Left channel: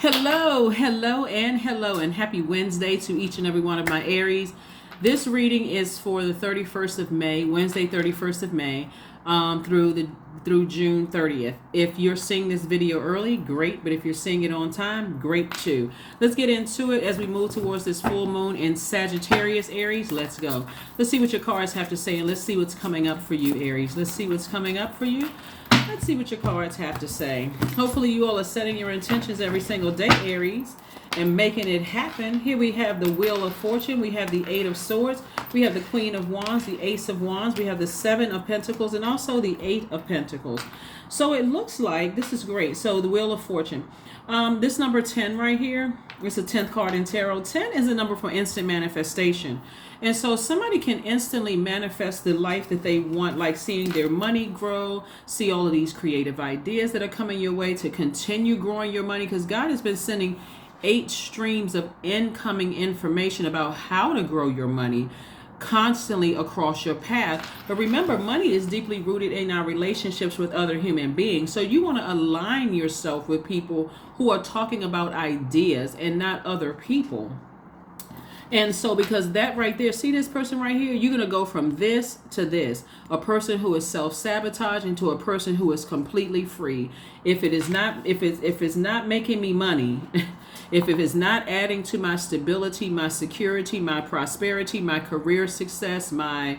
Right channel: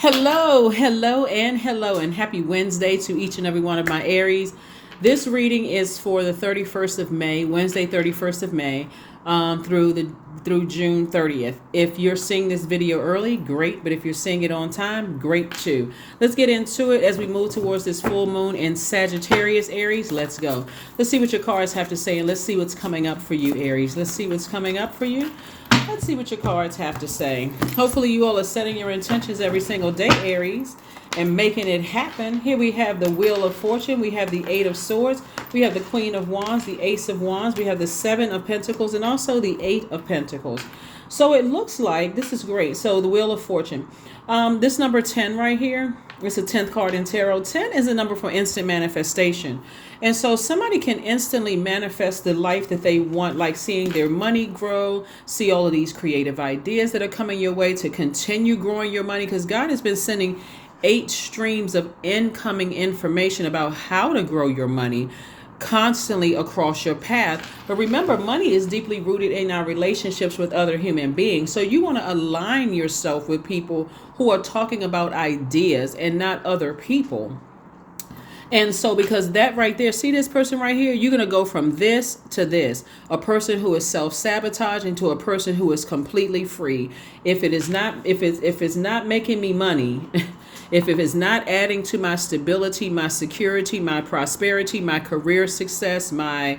Hello, and happy Wednesday to each and every one of my Aries. This reading is for the 31st of May, Wednesday, 31st of May, through June 30th. If you're seeing this video early, great, but if you're seeing it on time, great too. Let's get into it as we move towards this full moon in Sagittarius, Aries. Let's go. Let's see what your cards have to say, and let's see what's coming up for you, Aries. Let's see what's coming up for you. Let's see what your cards have to say. Hopefully you all are setting your intentions every single day, Aries, and making it happen. Here we have the Wheel of Fortune. We have the Eight of Swords. We have the Queen of Wands, the Ace of Wands. We have the Seven of Pentacles and also the Eight of Pentacles. So it looks like this is great. So the Wheel of Fortune. This number 10 right here, it's a 10th card in tarot. 10 is a number for instant manifestation. And so somebody can instantly manifest the life that they want, like seeing their money grow, see all of these creative ideas that are coming your way to continue growing your money, because God has been sending 8 streams of incoming information about how to grow your money constantly across your path. But remember, money is deeply rooted in our relationships with other human beings. So you want to align yourself with people who are talking about ideas and not other people. And so because that right there, see this person right here, you're going to go from this to this. A person who is self-sabotaging to a person who is completely free. If it's not making me money, if it is not adding to my stability, my security, my prosperity, my career success, my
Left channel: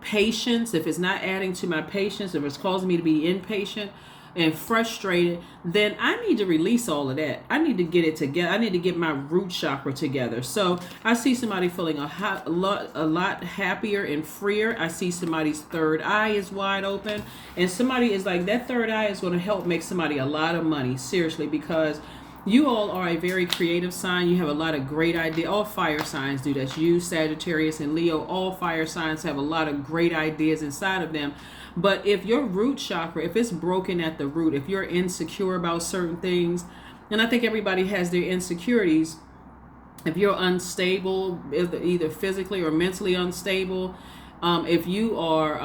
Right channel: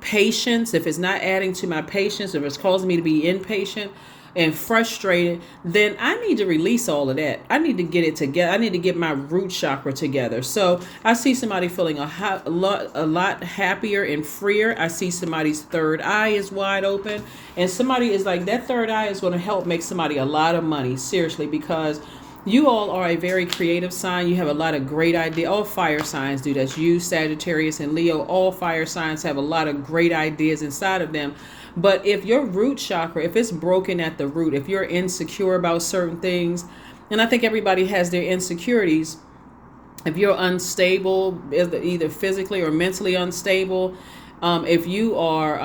patience, if it's not adding to my patience, if it's causing me to be impatient and frustrated, then I need to release all of that. I need to get it together. I need to get my root chakra together. So I see somebody feeling a lot happier and freer. I see somebody's third eye is wide open, and somebody is like, that third eye is going to help make somebody a lot of money, seriously, because you all are a very creative sign. You have a lot of great ideas. All fire signs do that. You, Sagittarius, and Leo, all fire signs have a lot of great ideas inside of them. But if your root chakra, if it's broken at the root, if you're insecure about certain things, and I think everybody has their insecurities, if you're unstable, either physically or mentally unstable, if you are,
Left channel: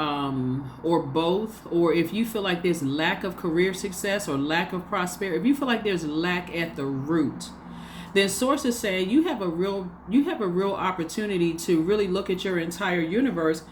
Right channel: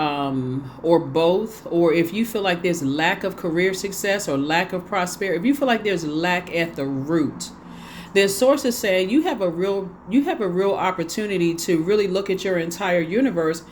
or both, or if you feel like there's lack of career success or lack of prosperity, if you feel like there's lack at the root, then sources say you have a real opportunity to really look at your entire universe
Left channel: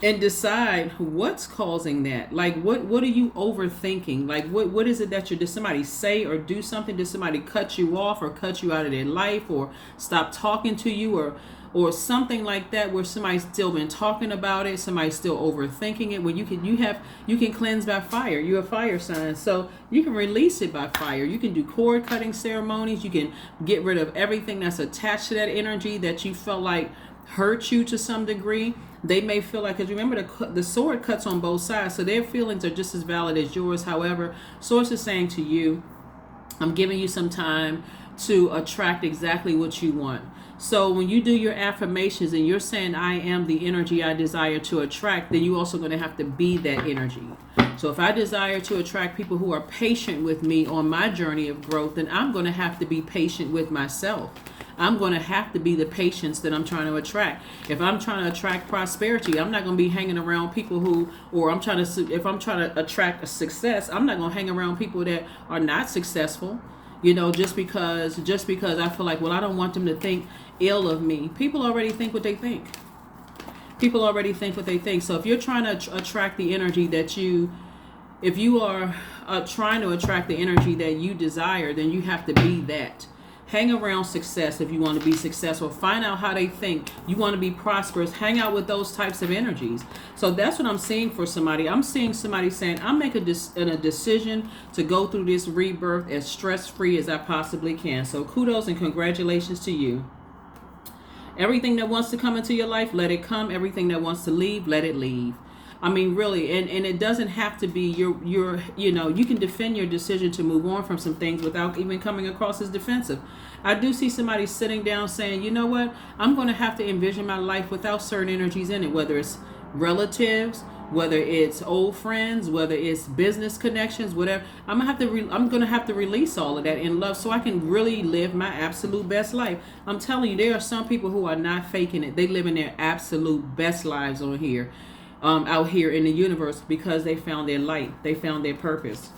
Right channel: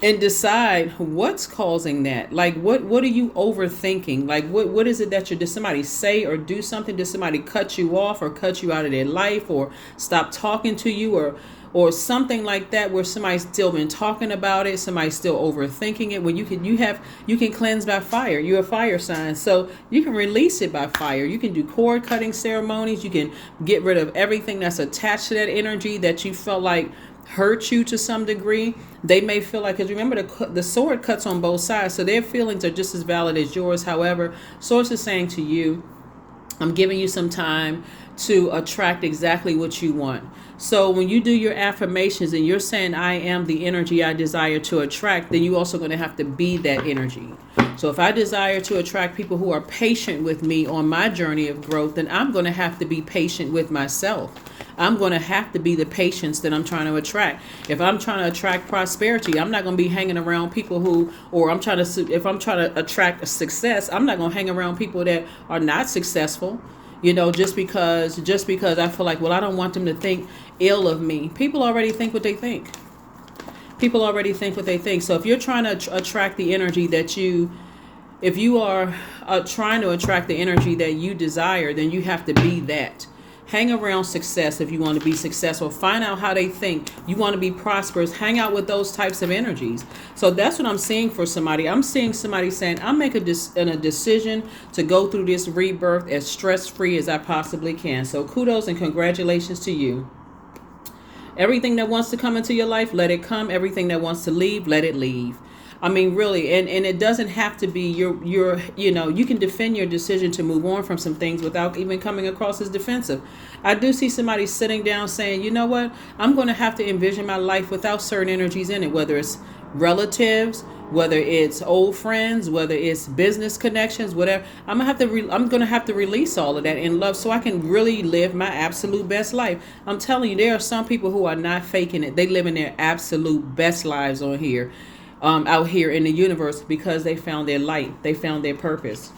and decide what's causing that. Like, what are you overthinking? Like, what is it that did somebody say or do something? Did somebody cut you off or cut you out of their life or stop talking to you or something like that, where somebody's still been talking about it, somebody's still overthinking it? When you can cleanse by fire. You're a fire sign, so you can release it by fire. You can do cord cutting ceremonies. You can get rid of everything that's attached to that energy that you felt like hurt you to some degree. They may feel like, because remember, the sword cuts on both sides, so their feelings are just as valid as yours. However, source is saying to you, I'm giving you some time to attract exactly what you want. So when you do your affirmations and you're saying, I am the energy I desire to attract, then you also going to have to be that energy. So if I desire to attract people who are patient with me on my journey of growth, then I'm going to have to be patient with myself. I'm going to have to be the patience that I'm trying to attract. If I'm trying to attract prosperity, I'm not going to be hanging around people if I'm trying to attract a success, I'm not going to hang around people that are not successful. Just because I feel like, well, I don't want them to think ill of me. People already think what they think. So if you're trying to attract the energy if you are trying to attract the energy that you desire, then you have to be that. Hang around success if you want to be successful. Find out how they think. You want to be prosperous. Hang out with those types of energies. So that's what I'm seeing for somebody. I'm seeing somebody saying, I'm making a decision to go through this rebirth as stress-free as I possibly can. So kudos and congratulations to you. Everything that wants to come into your life, let it come. Everything that wants to leave, let it leave. I mean, really, and it doesn't have to be you can defend your decision to move on from some things without even coming across as defensive. I do see somebody sitting down saying, you know what, I'm going to have to envision my life without certain energies in it, whether it's relatives, whether it's old friends, whether it's business connections, whatever. I'm going to have to release all of that in love so I can really live my absolute best life. I'm telling you, there are some people who are not faking it. They live in their absolute best lives on here. Out here in the universe, because they found their light, they found their purpose.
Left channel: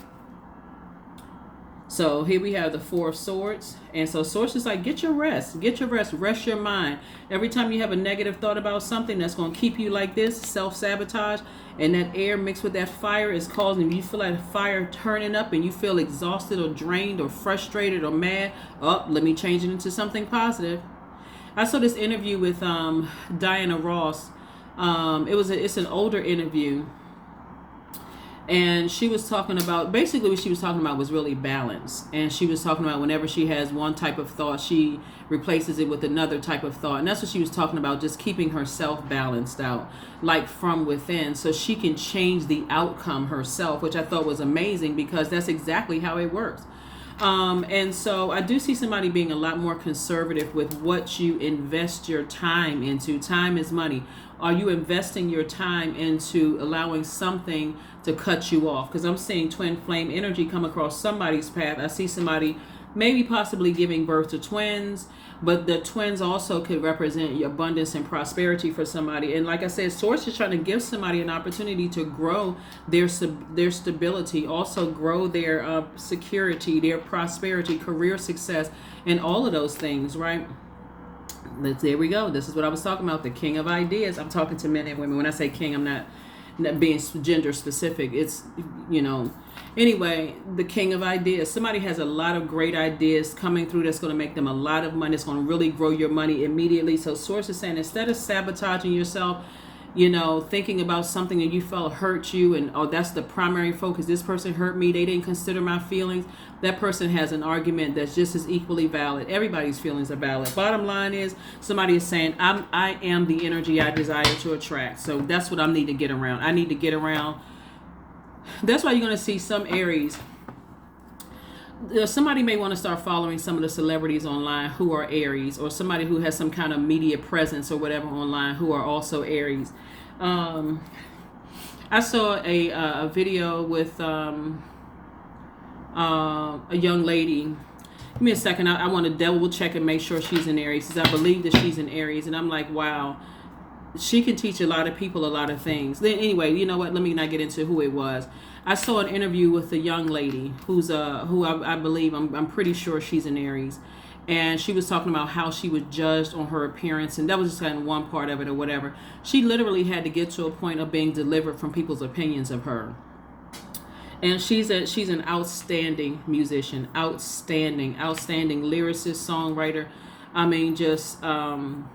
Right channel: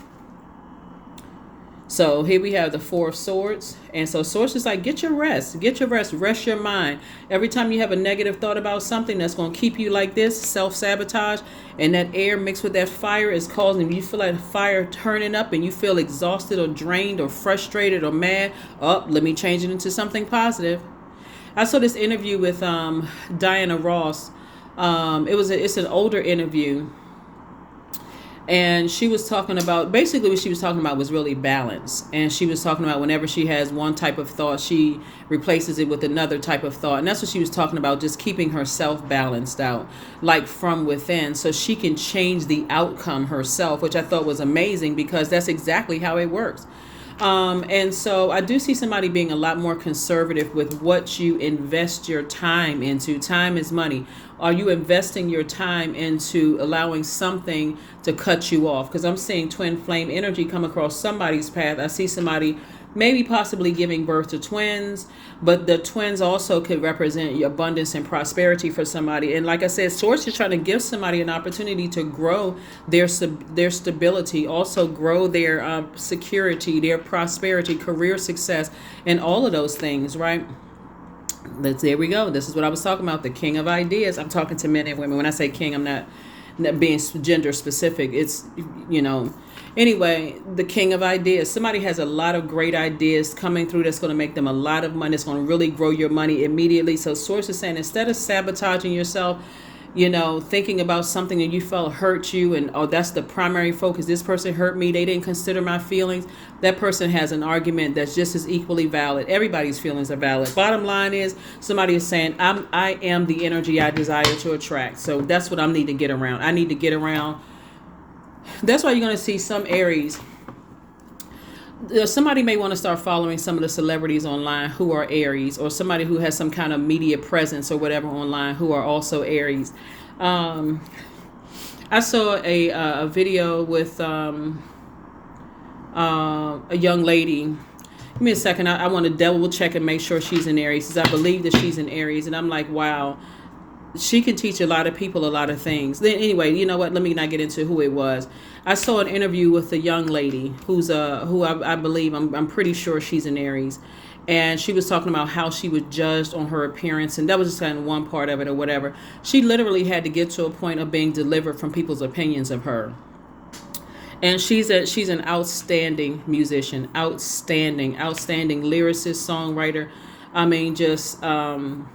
So here we have the Four of Swords. And so Swords is like, get your rest. Get your rest. Rest your mind. Every time you have a negative thought about something that's going to keep you like this, self-sabotage, and that air mixed with that fire is causing you feel like the fire turning up and you feel exhausted or drained or frustrated or mad. Oh, let me change it into something positive. I saw this interview with Diana Ross. It's an older interview. And she was talking about, basically what she was talking about was really balance. And she was talking about whenever she has one type of thought, she replaces it with another type of thought. And that's what she was talking about, just keeping herself balanced out, like from within, so she can change the outcome herself, which I thought was amazing because that's exactly how it works. And so I do see somebody being a lot more conservative with what you invest your time into. Time is money. Are you investing your time into allowing something to cut you off? Because I'm seeing twin flame energy come across somebody's path. I see somebody maybe possibly giving birth to twins, but the twins also could represent your abundance and prosperity for somebody. And like I said, Source is trying to give somebody an opportunity to grow their stability, also grow their security, their prosperity, career success, and all of those things, right? There we go. This is what I was talking about, the king of ideas. I'm talking to men and women. When I say king, I'm not being gender specific. It's, anyway, the king of ideas. Somebody has a lot of great ideas coming through that's going to make them a lot of money. It's going to really grow your money immediately. So Source is saying, instead of sabotaging yourself, thinking about something that you felt hurt you and, oh, that's the primary focus. This person hurt me. They didn't consider my feelings. That person has an argument that's just as equally valid. Everybody's feelings are valid. Bottom line is, somebody is saying, I am the energy I desire to attract. So that's what I need to get around. I need to get around. That's why you're going to see some Aries. Somebody may want to start following some of the celebrities online who are Aries, or somebody who has some kind of media presence or whatever online who are also Aries. I saw a video with a young lady. Give me a second. I want to double check and make sure she's an Aries, because I believe that she's an Aries. And I'm like, wow, she can teach a lot of people a lot of things. Then anyway, you know what? Let me not get into who it was. I saw an interview with a young lady who I believe, I'm pretty sure she's an Aries. And she was talking about how she was judged on her appearance. And that was just kind of one part of it or whatever. She literally had to get to a point of being delivered from people's opinions of her. And she's an outstanding musician, outstanding lyricist, songwriter. I mean, just, and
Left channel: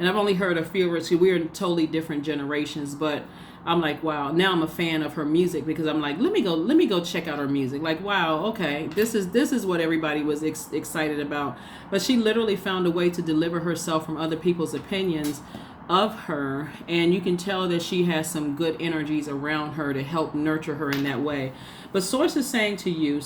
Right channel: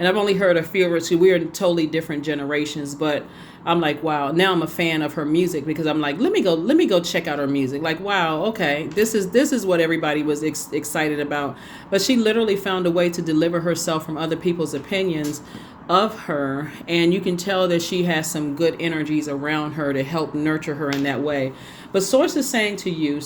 I've only heard a few of her, so we're in totally different generations, but I'm like, wow, now I'm a fan of her music, because I'm like, let me go check out her music. Like, wow, okay, this is what everybody was excited about. But she literally found a way to deliver herself from other people's opinions of her, and you can tell that she has some good energies around her to help nurture her in that way. But Source is saying to you,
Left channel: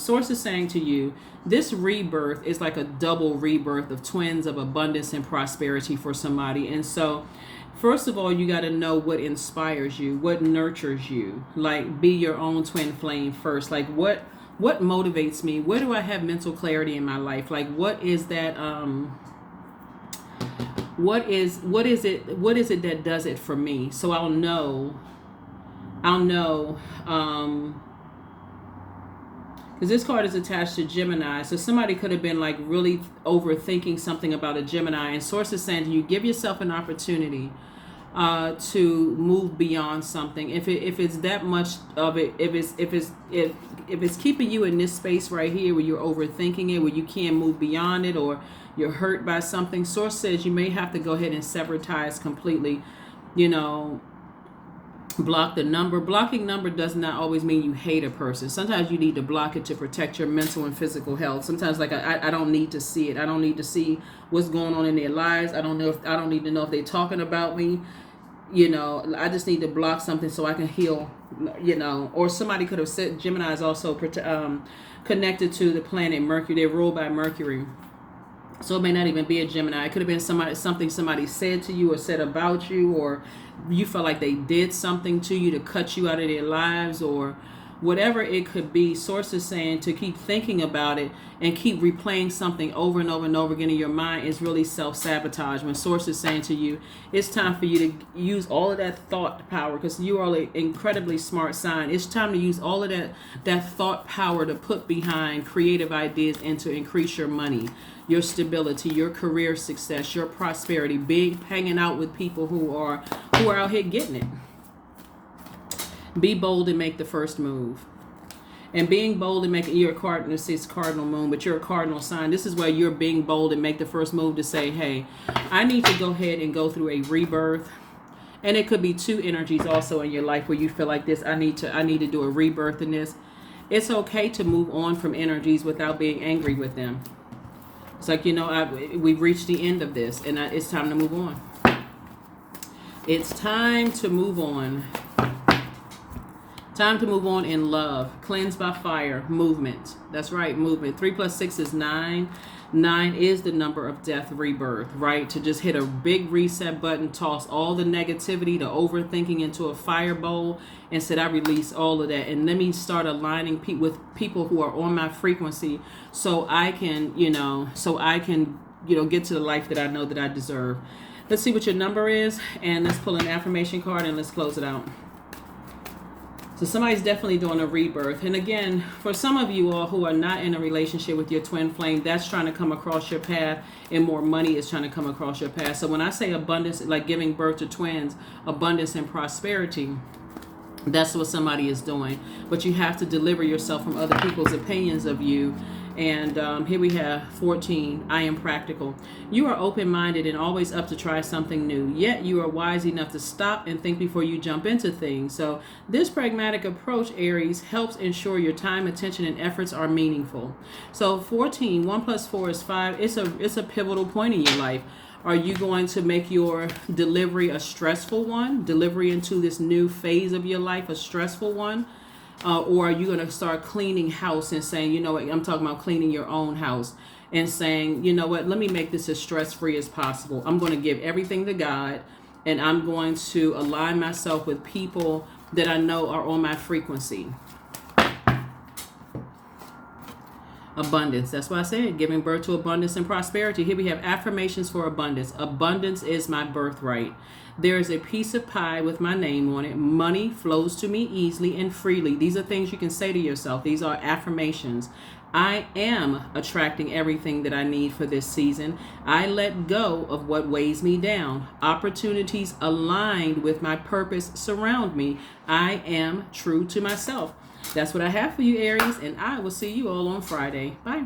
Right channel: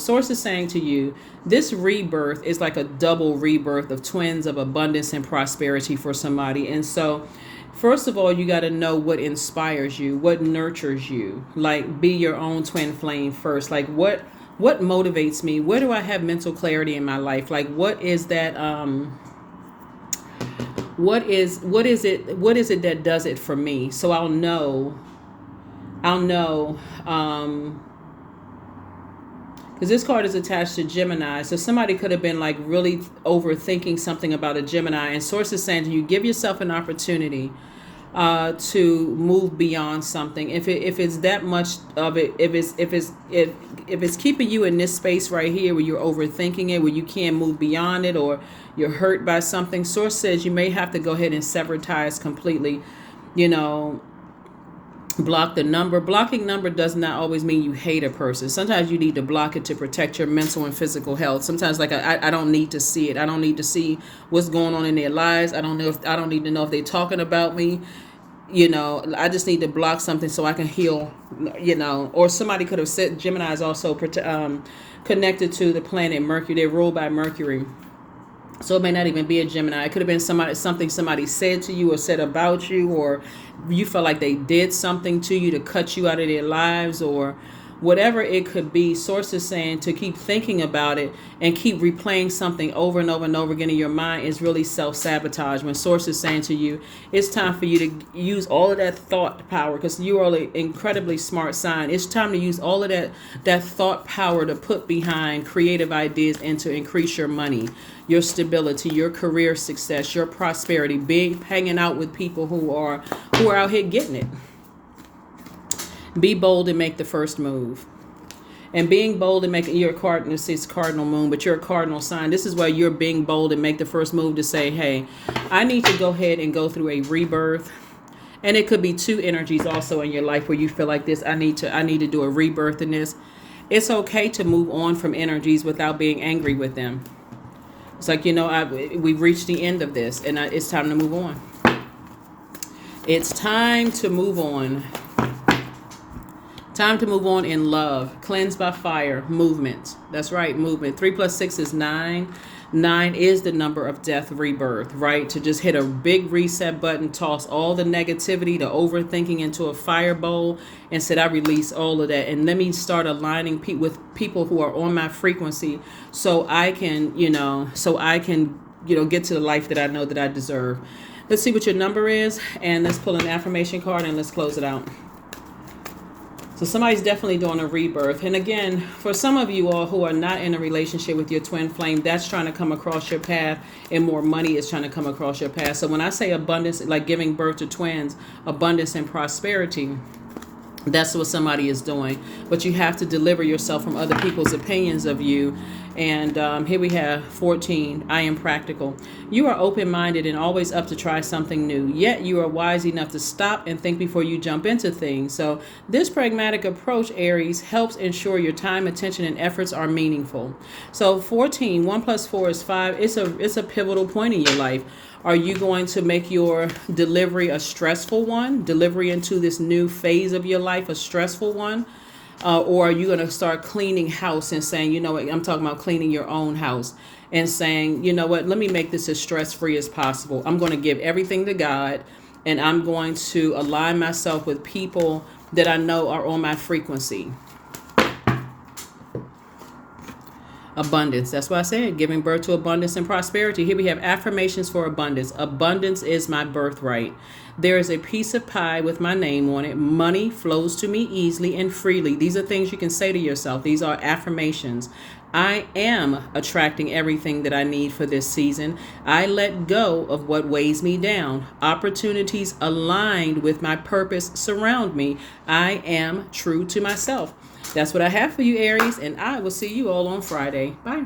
this rebirth is like a double rebirth of twins of abundance and prosperity for somebody. And so, first of all, you got to know what inspires you, what nurtures you. Like, be your own twin flame first. Like, what motivates me? Where do I have mental clarity in my life? Like, what is that? What is it that does it for me? So I'll know. Because this card is attached to Gemini. So somebody could have been like really overthinking something about a Gemini. And Source is saying to you, give yourself an opportunity to move beyond something. If it's that much of it, if it's keeping you in this space right here where you're overthinking it, where you can't move beyond it, or you're hurt by something, Source says you may have to go ahead and sever ties completely. Block the number. Blocking number does not always mean you hate a person. Sometimes you need to block it to protect your mental and physical health. Sometimes, like, I don't need to see it. I don't need to see what's going on in their lives. I don't need to know if they're talking about me. I just need to block something so I can heal. Or somebody could have said Gemini is also connected to the planet Mercury. They're ruled by Mercury. So it may not even be a Gemini. It could have been something somebody said to you or said about you, or you felt like they did something to you to cut you out of their lives, or whatever it could be. Source is saying to keep thinking about it and keep replaying something over and over and over again in your mind is really self-sabotage. When Source is saying to you, it's time for you to use all of that thought power, because you are an incredibly smart sign. It's time to use all of that thought power to put behind creative ideas and to increase your money, your stability, your career success, your prosperity, hanging out with people who are out here getting it. Be bold and make the first move. And being bold and making, you're a cardinal, this is cardinal moon, but you're a cardinal sign. This is why you're being bold and make the first move to say, hey, I need to go ahead and go through a rebirth. And it could be two energies also in your life where you feel like this, I need to do a rebirth in this. It's okay to move on from energies without being angry with them. It's like, we've reached the end of this, and it's time to move on. It's time to move on. Time to move on in love. Cleanse by fire. Movement. That's right, movement. 3 + 6 is 9. 9 is the number of death, rebirth, right? To just hit a big reset button, toss all the negativity, the overthinking into a fire bowl, and said, I release all of that. And let me start aligning with people who are on my frequency so I can, get to the life that I know that I deserve. Let's see what your number is, and let's pull an affirmation card and let's close it out. So somebody's definitely doing a rebirth. And again, for some of you all who are not in a relationship with your twin flame, that's trying to come across your path, and more money is trying to come across your path. So when I say abundance, like giving birth to twins, abundance and prosperity, that's what somebody is doing. But you have to deliver yourself from other people's opinions of you. And here we have 14. I am practical. You are open-minded and always up to try something new. Yet you are wise enough to stop and think before you jump into things. So this pragmatic approach, Aries, helps ensure your time, attention, and efforts are meaningful. So 14, 1 + 4 is 5. It's a pivotal point in your life. Are you going to make your delivery a stressful one? Delivery into this new phase of your life, a stressful one? Or are you going to start cleaning house and saying, you know what, I'm talking about cleaning your own house and saying, you know what, let me make this as stress-free as possible. I'm going to give everything to God, and I'm going to align myself with people that I know are on my frequency. Abundance. That's why I said giving birth to abundance and prosperity. Here we have affirmations for abundance. Abundance is my birthright. There is a piece of pie with my name on it. Money flows to me easily and freely. These are things you can say to yourself. These are affirmations. I am attracting everything that I need for this season. I let go of what weighs me down. Opportunities aligned with my purpose surround me. I am true to myself. That's what I have for you, Aries, and I will see you all on Friday. Bye.